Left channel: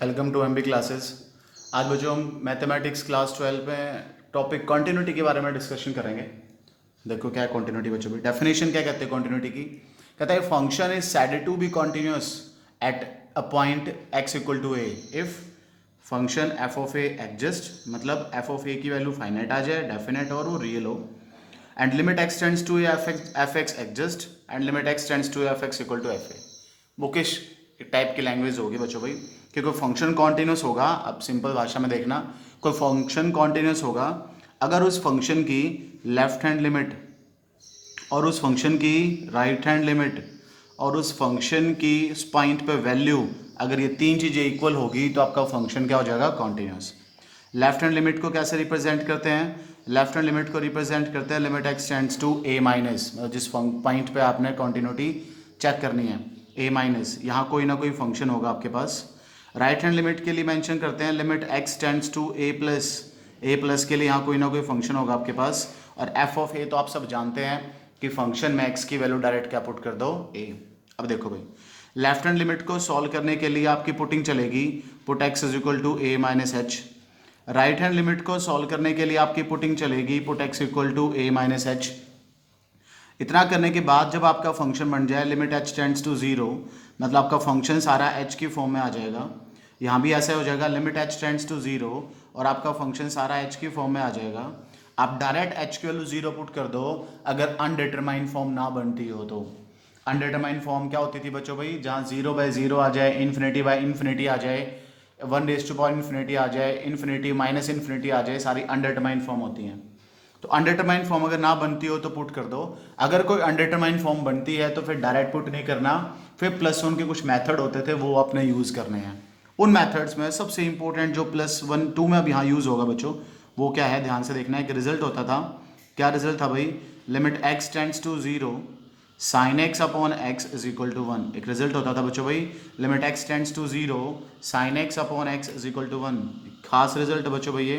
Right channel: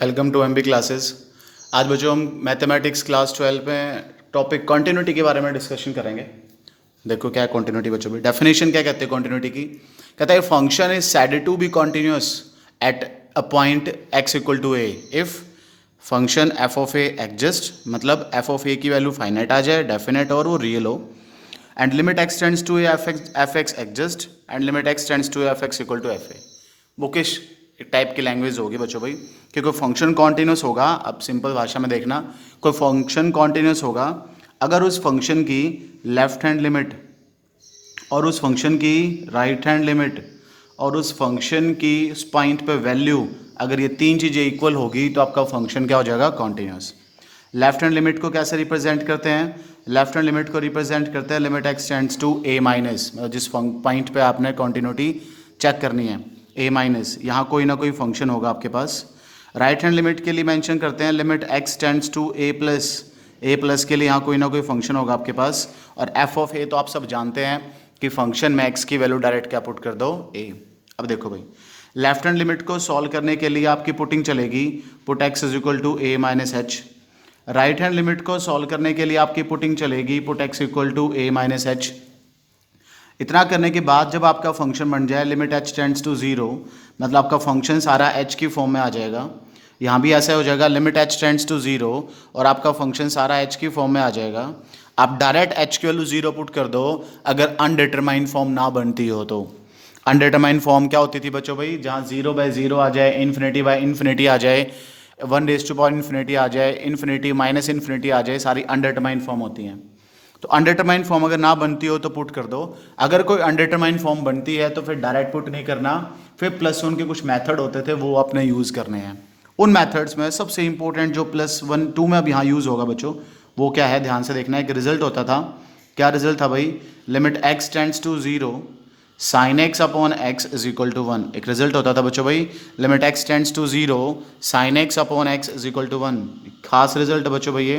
Welcome two MB classes. आज बच्चों हम मैथमेटिक्स क्लास 12 में टॉपिक कॉन्टिन्यूटी के बारे में डिस्कशन करेंगे। देखो क्या है कॉन्टिन्यूटी बच्चों की डेफिनेशन क्या कहते हैं कॉन्टिन्यूटी की। कहता है function is said to be continuous at a point x equal to a if function f of a exist, मतलब एफ ऑफ ए की वैल्यू फाइनाइट आ जाए, डेफिनेट और वो रियल हो, and limit x tends to f x exist and limit x tends to f x equal to f a. Bookish type की language होगी बच्चों भाई, कि कोई फंक्शन कॉन्टिन्यूस होगा। अब सिंपल भाषा में देखना, कोई फंक्शन कॉन्टिन्यूस होगा अगर उस फंक्शन की लेफ्ट हैंड लिमिट और उस फंक्शन की राइट हैंड लिमिट और उस फंक्शन की पॉइंट पे वैल्यू, अगर ये तीन चीज़ें इक्वल होगी तो आपका फंक्शन क्या हो जाएगा, कॉन्टिन्यूस। लेफ्ट हैंड लिमिट को कैसे रिप्रेजेंट करते हैं? लेफ्ट हैंड लिमिट को रिप्रेजेंट करते हैं limit x tends to a minus, जिस पॉइंट पे आपने कॉन्टिन्यूटी चेक करनी है ए माइनस, यहाँ कोई ना कोई फंक्शन होगा आपके पास। राइट हैंड लिमिट के लिए मेंशन करते हैं limit x tends to a plus के लिए यहाँ कोई ना कोई फंक्शन होगा आपके पास। और एफ ऑफ ए तो आप सब जानते हैं कि फंक्शन में एक्स की वैल्यू डायरेक्ट क्या पुट कर दो, ए। अब देखो भाई, लेफ्ट हैंड लिमिट को सॉल्व करने के लिए आपकी पुटिंग चलेगी put x is equal to a minus h. Right hand limit को सॉल्व करने के लिए आपकी पुटिंग चलेगी put x equal to a minus h. इतना करने के बाद जब आपका फंक्शन बन जाए limit h tends to zero, मतलब आपका फंक्शन सारा एच की फॉर्म में आ जाएगा। यहाँ भी ऐसा हो जाएगा limit h tends to zero और आपका फंक्शन सारा एच की फॉर्म में आ जाएगा। आप डायरेक्ट एच की वैल्यू जीरो पुट कर दो अगर अनडिटरमाइंड फॉर्म ना बनती हो तो। अनडिटरमाइंड फॉर्म क्या होती थी बच्चों भाई? जहाँ जीरो बाय जीरो आ जाए, इन्फिनिटी बाय इन्फिनिटी आ जाए, one raise to power infinity आ जाए, इन्फिनिटी माइनस इन्फिनिटी आ जाए, सारी अनडिटरमाइंड फॉर्म होती हैं। तो अनडिटरमाइंड फॉर्म अगर ना बनती हो तो पुट कर दो। अगर कोई अनडिटरमाइंड फॉर्म बनती है तो फिर डायरेक्ट पुट नहीं करना, फिर प्लस वन के कुछ मेथड होते थे वो अपने यूज़ करने हैं। उन मेथड्स में सबसे इंपॉर्टेंट जो प्लस वन टू में अब यहाँ यूज़ होगा बच्चों, वो क्या है ध्यान से देखना। एक रिजल्ट होता था, क्या रिजल्ट था भाई? Limit x tends to zero sine x upon x is equal to one. एक रिजल्ट होता था बच्चों भाई, limit x tends to zero sine x upon x is equal to one. खास रिजल्ट है बच्चों भाई ये,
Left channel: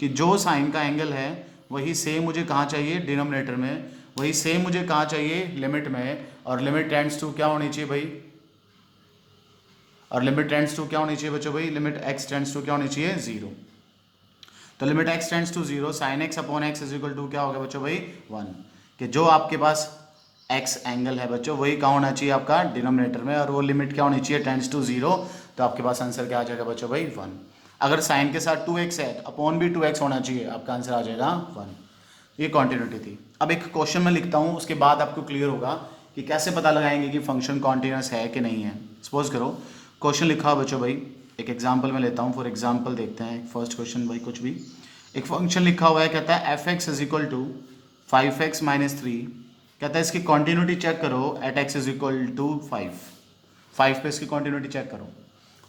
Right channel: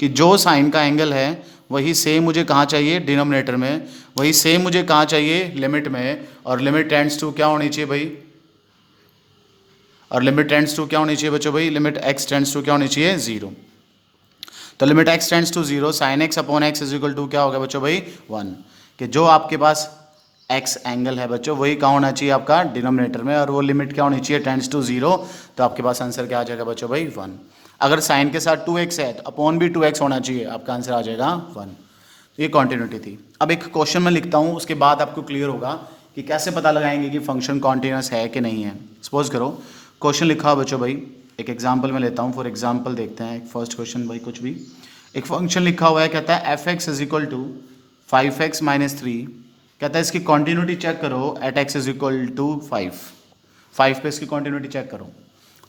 कि जो साइन का एंगल है वही सेम मुझे कहाँ चाहिए, डिनोमिनेटर में, वही सेम मुझे कहाँ चाहिए, लिमिट में। और लिमिट टेंड्स टू क्या होनी चाहिए भाई? और लिमिट टेंड्स टू क्या होनी चाहिए बच्चों भाई? लिमिट एक्स टेंड्स टू क्या होनी चाहिए, जीरो। तो limit x tends to zero sine x upon x is equal to क्या होगा बच्चों भाई, वन। कि जो आपके पास एक्स एंगल है बच्चों वही कहाँ होना चाहिए आपका, डिनोमिनेटर में, और वो लिमिट क्या होनी चाहिए, टेंड्स टू जीरो। तो आपके पास आंसर क्या आ जाएगा बच्चों भाई, वन। अगर साइन के साथ 2x है तो अपॉन भी 2x होना चाहिए, आपका आंसर आ जाएगा 1। ये कॉन्टिन्यूटी थी। अब एक क्वेश्चन में लिखता हूँ, उसके बाद आपको क्लियर होगा कि कैसे पता लगाएंगे कि फंक्शन कॉन्टिन्यूस है कि नहीं है। सपोज करो क्वेश्चन लिखा हो बच्चों भाई, एक एग्जाम्पल में लेता हूँ, फॉर एग्जाम्पल देखते हैं। फर्स्ट क्वेश्चन भाई कुछ भी, एक फंक्शन लिखा हुआ है, कहता है f x is equal to 5x minus three. कहता है इसकी कॉन्टिन्यूटी चेक करो at x is equal to 5 पे इसकी कॉन्टिन्यूटी चेक करो।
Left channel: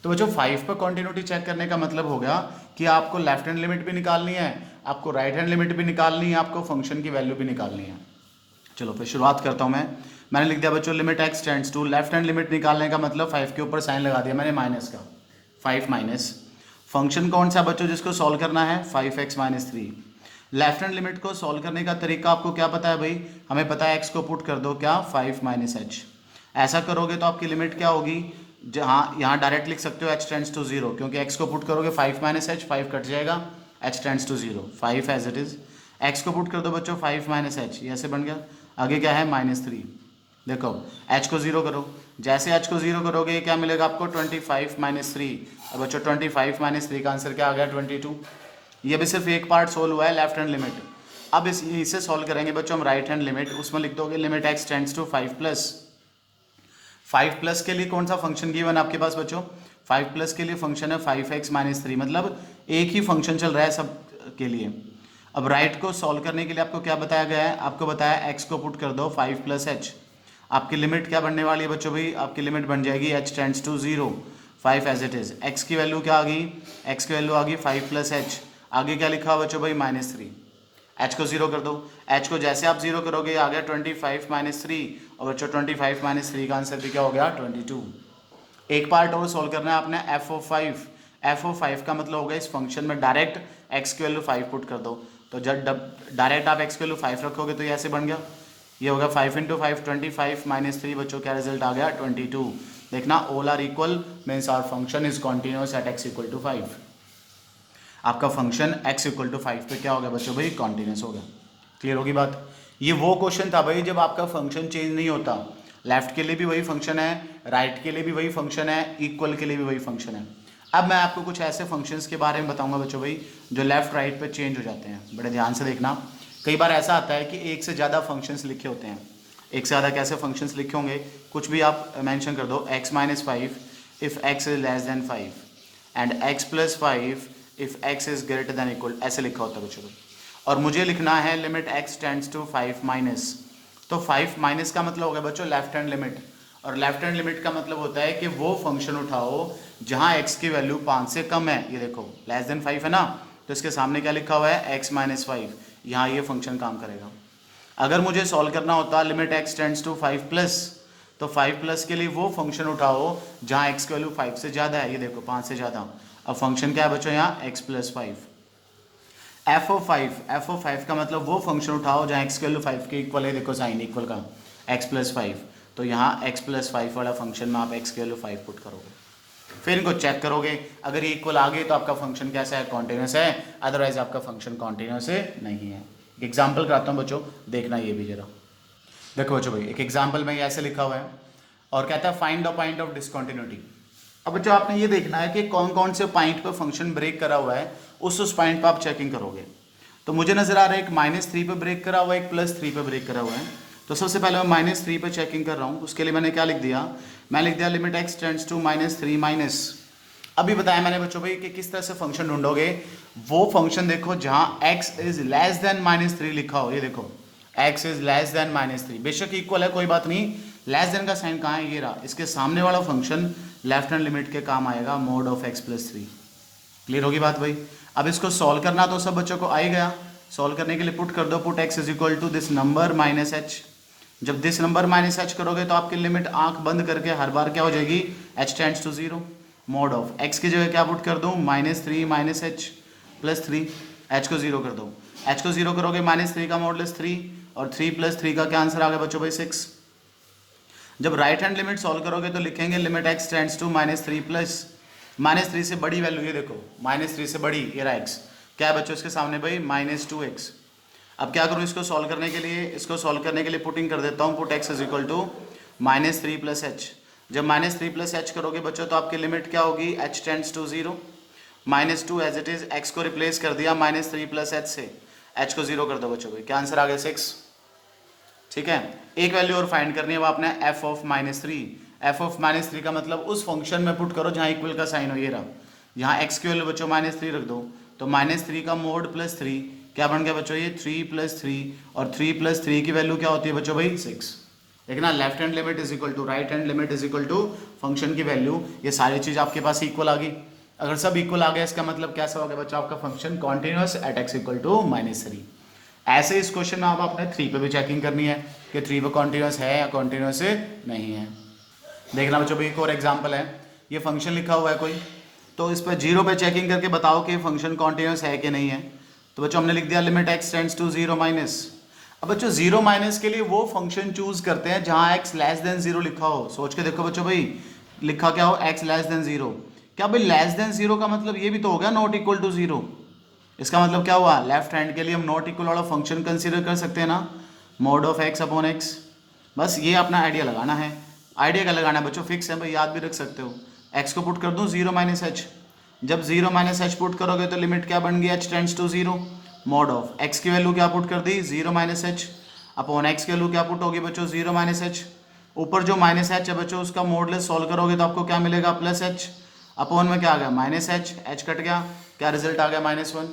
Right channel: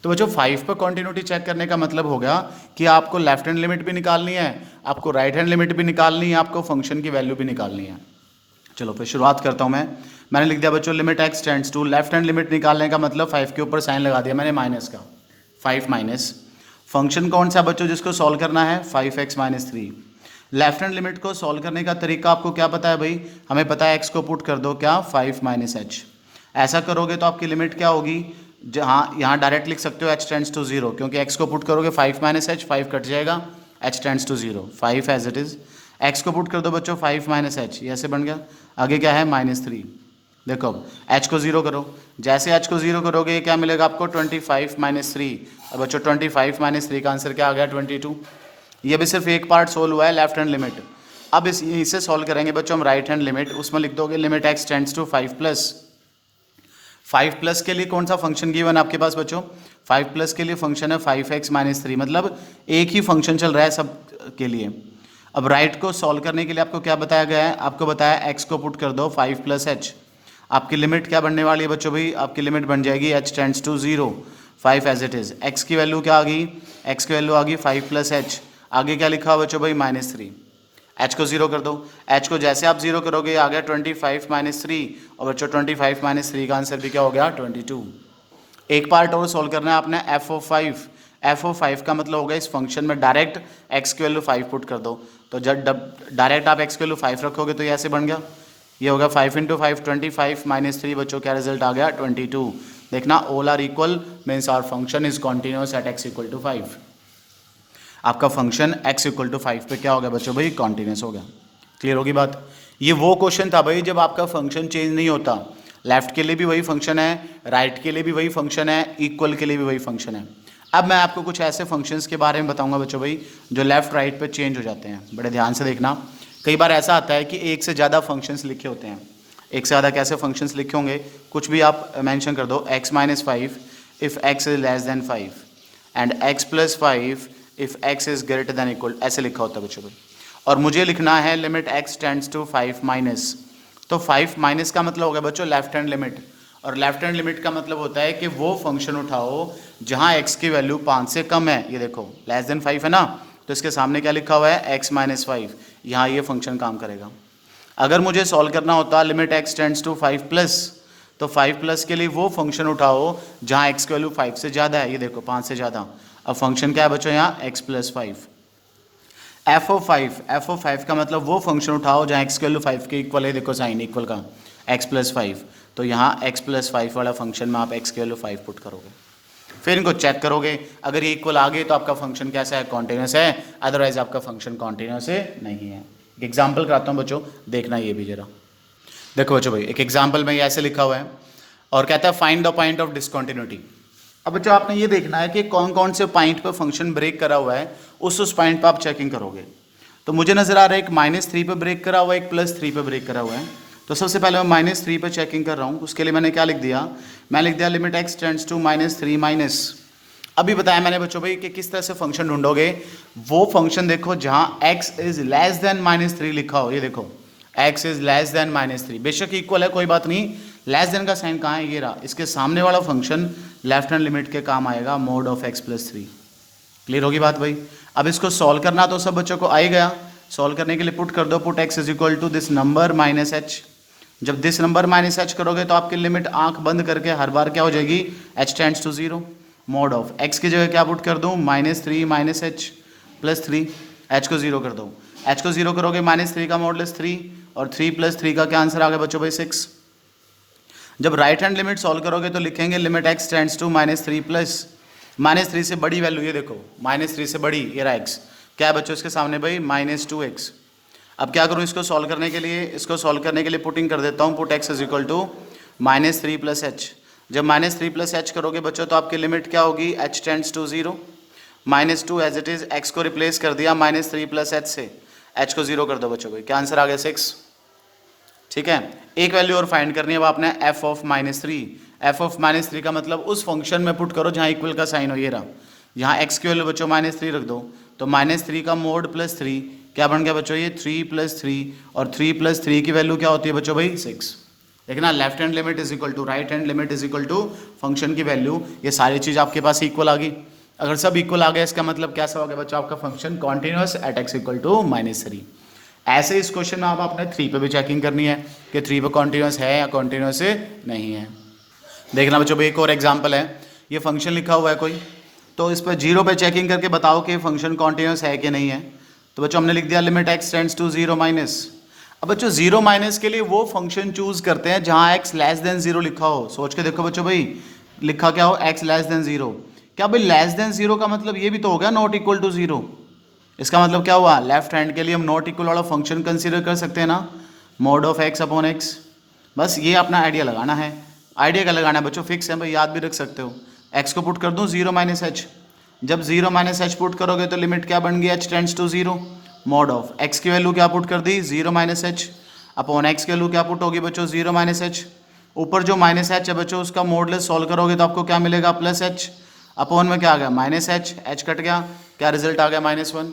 तो बच्चों 5 पर कॉन्टिन्यूटी चेक करने का मतलब हो गया कि आपको लेफ्ट हैंड लिमिट भी निकालनी है, आपको राइट हैंड लिमिट भी निकालनी है, आपको फंक्शन की वैल्यू भी निकालनी है। चलो फिर शुरुआत करता हूँ मैंने लिख दिया बच्चों limit x tends to, left hand limit निकालने का मतलब 5 के ऊपर साइन लगा दिया मैंने माइनस का, 5 माइनस। फंक्शन कौन सा बच्चों जिसको सॉल्व करना है, 5x minus three. Left hand limit को सॉल्व करने का तरीका आपको क्या पता है भाई? हमें पता है x को पुट कर दो क्या, 5 माइनस एच। ऐसा करोगे तो आपकी लिमिट क्या होगी, जहाँ यहाँ डायरेक्ट लिख सकते हो h टेंड्स टू जीरो, क्योंकि x को पुट करोगे 5 माइनस एच, 5 कट जाएगा, h tends to zero, 5 as it is. x को पुट कर दो बच्चों 5 माइनस एच, ये ऐसे बन गया। आगे क्या है, माइनस थ्री। देखो h को जीरो करो, जैसे h को जीरो करोगे क्या मिलेगा आपको, 25 माइनस थ्री। अब बच्चों 25 माइनस थ्री का आंसर क्या आ गया, 22। ये भी सिर्फ एक पार्ट सोल्व हुआ है, लेफ्ट हैंड लिमिट। अब इसे सॉल्व करेंगे बच्चों हम राइट हैंड लिमिट, उसमें लिख दोगे limit x tends to 5 plus. 5 plus के लिए कौन सा फंक्शन गिवन आपके पास बच्चों? 5 प्लस के लिए फंक्शन है 5x माइनस थ्री, मतलब एक ही फंक्शन चल रहा है सब के लिए। अब राइट को सॉल्व करने के लिए आपको क्या बताया गया है, आपको बताया x को पुट कर दो 5 प्लस एच। आपकी लिमिट क्या बनने वाली है बच्चों भाई? आपकी लिमिट बन जाएगी h tends to zero, 5 as it is. x की वैल्यू क्या आ गई, x की वैल्यू आ गई 5 प्लस एच। आगे क्या लिखा हुआ बच्चों भाई, माइनस थ्री। h को जीरो कर दो, h को जैसे आप जीरो करोगे आ गया 25 माइनस थ्री, और बच्चों 25 माइनस थ्री का आंसर भी क्या हो गया, 22। एक पार्ट और सॉल्व करना है आपने, एफ ऑफ 5। एफ ऑफ 5 का मतलब होगा इस फंक्शन में डायरेक्ट x की वैल्यू 5 पुट कर दो। तो जब डायरेक्ट आप x की वैल्यू 5 रखोगे तो ये ऐसे बन गया, ये होगा 5 इंटू 5 25 माइनस थ्री, बच्चों क्या रिजल्ट आ गया, 22। देखना all are equal means our function is continuous at x equal to 5। आपका फंक्शन x इक्वल टू 5 पे क्या हो गया बच्चों भाई, कॉन्टिन्यूस हो गया। क्लियर होगी बात। ये वो क्वेश्चन था भाई जब आपका फंक्शन चेंज नहीं होता, लेफ्ट के लिए भी वही फंक्शन है, राइट के लिए भी वही फंक्शन है, इक्वल के लिए भी वही फंक्शन है। अब मैं आपको कुछ ऐसे फंक्शंस के बारे में बताऊंगा बच्चों भाई जो लेफ्ट राइट पे चेंज हो जाते हैं। बड़े ध्यान से देखना, कई बार ऐसा आता है कि एक से ज़्यादा फंक्शंस लिखे होते हैं। एक से ज़्यादा कैसे फंक्शंस लिखे होंगे, कुछ भी आप मेंशन कर दो, x minus 5 if x is less then 5 and x plus 5 if x is greater than equal, ऐसे लिखा होता है बच्चों भाई। और मुझे लिखना है limit x tends to 5 minus, तो 5 माइनस का मतलब हो गया बच्चों लेफ्ट हैंड लिमिट, और लेफ्ट हैंड लिमिट का मतलब होता है कि वो फंक्शन उठाओ जहाँ x की वैल्यू 5 से कम है। ये देखो लेस देन 5 है ना, तो इसके सामने क्या लिखा हुआ है, x माइनस 5, यहाँ ये फंक्शन काम करेगा। अगर मुझे सॉल्व करना होता limit x tends to 5 plus, तो 5 प्लस के लिए वो फंक्शन उठाओ जहाँ x की वैल्यू 5 से ज़्यादा है। ये देखो 5 से ज़्यादा, अब फंक्शन क्या है बच्चों यहाँ, x प्लस 5। एफ ऑफ 5 का मतलब वो फंक्शन उठाओ जहाँ x की वैल्यू 5 के इक्वल है। देखो साइन इक्वल का x प्लस 5, तो यहाँ x प्लस 5 वाला फंक्शन में आप x की वैल्यू 5 पुट करोगे, फिर इनको चेक करोगे। अगर ये इक्वल आ गए तो आपका फंक्शन कैसा है, कॉन्टिन्यूस है, अदरवाइज आपका फंक्शन कॉन्टिन्यूस नहीं है। एग्जाम्पल कराता हूँ बच्चों, देखना ये भी जरा। देखो बच्चों भाई एक एग्जाम्पल में ये ऐसे लिखा हुआ है और कहता है find the point of discontinuity. अब बच्चों आपने ये देखना है कि कौन कौन से पॉइंट पर फंक्शन ब्रेक करा हुआ है, उस पॉइंट पर आप चेकिंग करोगे। तो मुझे नजर आ रहा है एक -3 पे ब्रेक करा हुआ है, एक +3 पे ब्रेक करा हुआ है। तो सबसे पहले मैं -3 पे चेकिंग कर रहा हूँ, उसके लिए मैंने क्या लिख दिया, मैं लिख दिया limit x tends to -3 minus. अभी बताया मैंने बच्चों भाई कि किस तरह से फंक्शन ढूंढोगे, वो फंक्शन देखो जहाँ x इज लेस देन -3 लिखा हो। ये देखो x इज लेस देन -3, बेशक इक्वल है कोई बात नहीं, लेस देन का साइन कहाँ है, ये रहा, इसके सामने वाला फंक्शन लेफ्ट हैंड लिमिट के काम आएगा, mode of x plus 3। Clear होगी बात भाई। अब इसको सॉल्व करना तो सब बच्चों को आ ही गया, सॉल्व करने के लिए पुट कर दो, put x is equal to this number minus h। जब दिस नंबर माइनस h करोगे तो आपकी लिमिट आंख बंद करके हर बार क्या हो जाएगी, h tends to 0, mod of x की जगह क्या पुट कर दूँ, -3 माइनस h प्लस 3, h को 0 कर दो, h को 0 करोगे -3 का मॉडुलस 3, और 3 + 3 का क्या आंसर आ गया बच्चों भाई 6। जब राइट हैंड लिमिट सॉल्व करोगे तो लिखेंगे limit x tends to -3 plus -3 से बड़ी वैल्यू, ये देखो -3 से बड़ी, ये रहा x, क्या है बच्चों इसके सामने भाई -2x। अब क्या करूँ इसको सॉल्व करने के लिए, इसको सॉल्व करने के लिए पुटिंग कर देता हूँ, put x is equal to -3 + h। जब -3 + h करोगे बच्चों तो आपकी लिमिट क्या होगी, h tends to 0, -2 as it is, x को रिप्लेस कर दिया -3 + h से, h को 0 कर दो बच्चों भाई, क्या आंसर आ गया 6। ठीक है, एक वैल्यू और फाइंड करनी है, वो आपने f ऑफ -3, f ऑफ -3 का मतलब उस फंक्शन में पुट करो जहाँ इक्वल का साइन हो, ये रहा, यहाँ x की वैल्यू बच्चों -3 रख दो, तो -3 का मोड +3 क्या बन गया बच्चों, ये 3 + 3, और 3 + 3 की वैल्यू क्या होती है बच्चों भाई 6। देखना left hand limit is equal to right hand limit is equal to function की वैल्यू, ये सारी चीज़ आपके पास इक्वल आ गई। अगर सब इक्वल आ गया इसका मतलब कैसा हो गया बच्चों, आपका function continuous at x equal to -3। ऐसे इस क्वेश्चन में आप अपने 3 पे भी चेकिंग करनी है कि 3 पे कॉन्टिन्यूस है या कॉन्टिन्यूस नहीं है। देखना बच्चों भाई एक और एग्जांपल है, ये फंक्शन लिखा हुआ है कोई, तो इस पर 0 पे चेकिंग करके बताओ कि फंक्शन कॉन्टिन्यूस है कि नहीं है। तो बच्चों हमने लिख दिया limit x tends to 0 minus. अब बच्चों 0 माइनस के लिए वो फंक्शन चूज करते हैं जहाँ x लेस देन 0 लिखा हो। सोच के देखो बच्चों भाई, लिखा क्या हो, x लेस देन 0, क्या भाई लेस देन 0 का मतलब ये भी तो हो गया नॉट इक्वल टू 0। इसका मतलब क्या हुआ, लेफ्ट हैंड के लिए हम नॉट इक्वल वाला फंक्शन कंसीडर कर सकते हैं ना, mode of x upon x। बस ये अपना आइडिया लगाना है, आइडिया का लगाना है बच्चों, फिक्स है भाई, याद भी रख सकते हो। x को पुट कर दूं 0 माइनस h, जब 0 माइनस h पुट करोगे तो लिमिट क्या बन गई, h tends to 0, mod of x की वैल्यू क्या पुट कर दी 0 माइनस h, अपॉन x की वैल्यू क्या पुट होगी बच्चों 0 माइनस h, ऊपर जो माइनस h है बच्चों उसका मॉडुलस सॉल्व करोगे तो आपको क्या मिलेगा प्लस h, अपॉन में क्या आ गया माइनस h, h कट गया, क्या रिजल्ट आ गया -1।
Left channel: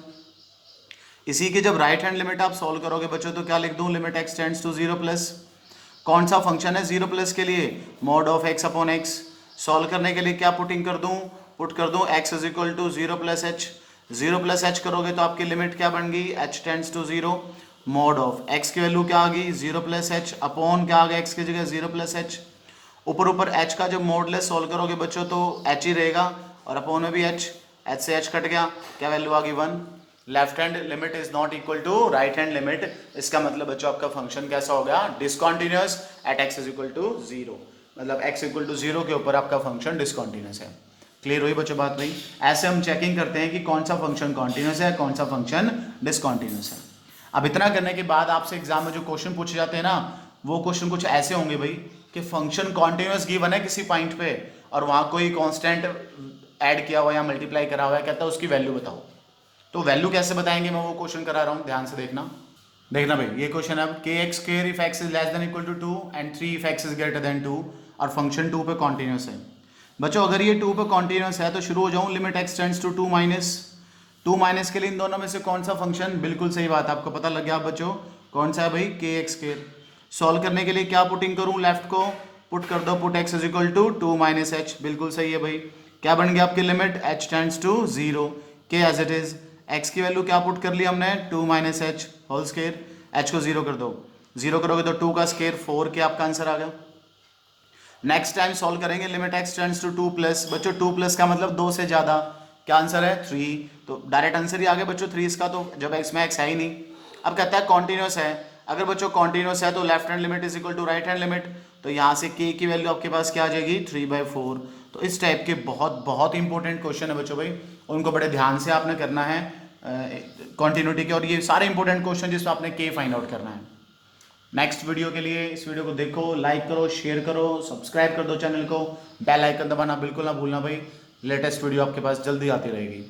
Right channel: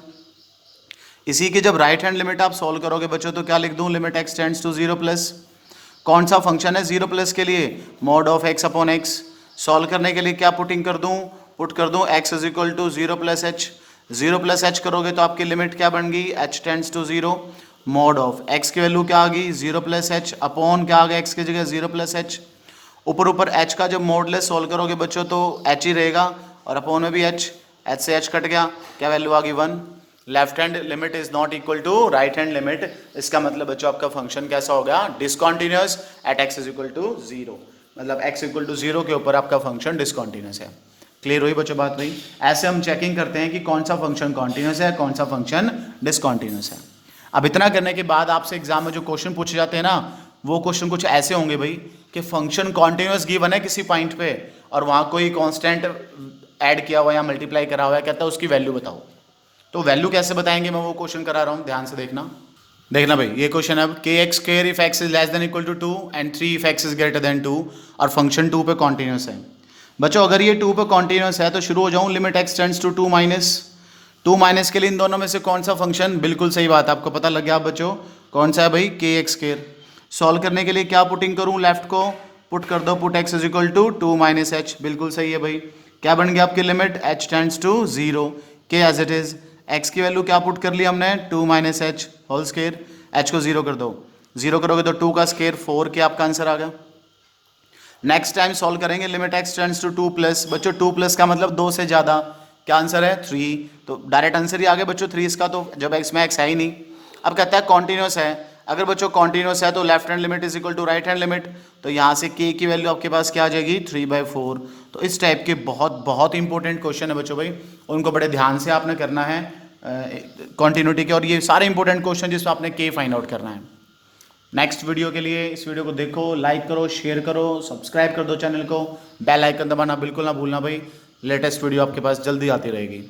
इसी की जब राइट हैंड लिमिट आप सॉल्व करोगे बच्चों तो क्या लिख दूं, limit x tends to 0 plus, कौन सा फंक्शन है 0 प्लस के लिए, mod of x upon x। Solve करने के लिए क्या पुटिंग कर दूं, पुट कर दूं x is equal to 0 plus h, 0 plus h करोगे तो आपकी लिमिट क्या बन गई, h tends to 0, mod of x की वैल्यू क्या आ गई 0 प्लस h, अपॉन क्या आ गया x की जगह 0 प्लस h, ऊपर ऊपर h का जब मॉडुलस सॉल्व करोगे बच्चों तो h ही रहेगा, और अपॉन में भी h से h कट गया, क्या वैल्यू आ गई 1। Left hand limit is not equal to right hand limit, इसका मतलब बच्चों आपका फंक्शन कैसा हो गया, discontinuous at x is equal to 0। मतलब x इक्वल टू 0 के ऊपर आपका फंक्शन डिसकॉन्टिन्यूस है। क्लियर हुई बच्चों बात भाई? ऐसे हम चेकिंग करते हैं कि कौन सा फंक्शन कॉन्टिन्यूस है, कौन सा फंक्शन डिसकॉन्टिन्यूस है। अब इतना करने के बाद आपसे एग्जाम में जो क्वेश्चन पूछे जाते हैं ना, वो क्वेश्चन कुछ ऐसे होंगे भाई कि फंक्शन कॉन्टिन्यूस गिवन है किसी पॉइंट पे और वहाँ कोई कांस्टेंट ऐड किया हुआ या मल्टीप्लाई करा हुआ है, कहता है उसकी वैल्यू बताओ। तो वैल्यू कैसे बताएंगे, मैं वो क्वेश्चन करा रहा हूँ, ध्यान से देखना। देखना भाई, ये क्वेश्चन है के x square if x is less than equal to 2 and 3 if x is greater than 2 और फंक्शन 2 पे कॉन्टिन्यूस है। बच्चों अगर ये 2 पे कॉन्टिन्यूस है तो शुरू हो जाऊँ, limit x tends to 2 minus के लिए इन दोनों में से कौन सा फंक्शन, बिल्कुल सही बात, आपको पता लग गया बच्चों कौन सा है भाई, के एक्स स्क्वायर। सॉल्व करने के लिए क्या पुटिंग करूँ, लेफ्ट को पुट कर दो, put x is equal to 2 minus h, बिल्कुल सही है भाई। क्या बन गया आपकी लिमिट, एच टेंड्स टू 0, के एज इट इज, एक्स की वैल्यू क्या पुट कर ली हमने, 2 minus h whole square, h को 0 कर दो, 0 करोगे तो 2 का स्क्वायर 4 के आपका आंसर आ गया। नेक्स्ट टाइम सॉल्व करेंगे, limit x tends to 2 plus, बच्चों 2 प्लस का मतलब 2 से ज़्यादा, क्या आंसर है 3, तो डायरेक्ट आंसर ही आ गया बच्चों 3 इसका, तो जब एक्स में एक्स है ही नहीं। अब कहता है कॉन्टिन्यूस है, अगर बच्चों कॉन्टिन्यूस है तो left hand limit is equal to right hand limit, तो यहाँ से के की वैल्यू आपके पास क्या आ जाएगी 3/4। तो इस टाइप के बहुत बहुत इंपॉर्टेंट क्वेश्चन है बच्चों भाई, उनको बड़े ध्यान से आपने करना है कॉन्टिन्यूटी के, और ये सारे इंपॉर्टेंट क्वेश्चन जिसमें आपने के फाइंड आउट करना है। नेक्स्ट वीडियो के लिए इस वीडियो को देखो, लाइक करो, शेयर करो, सब्सक्राइब कर दो चैनल को, बेल आइकन दबाना बिल्कुल ना भूलना भाई, लेटेस्ट वीडियो आपके पास जल्दी आती रहेगी।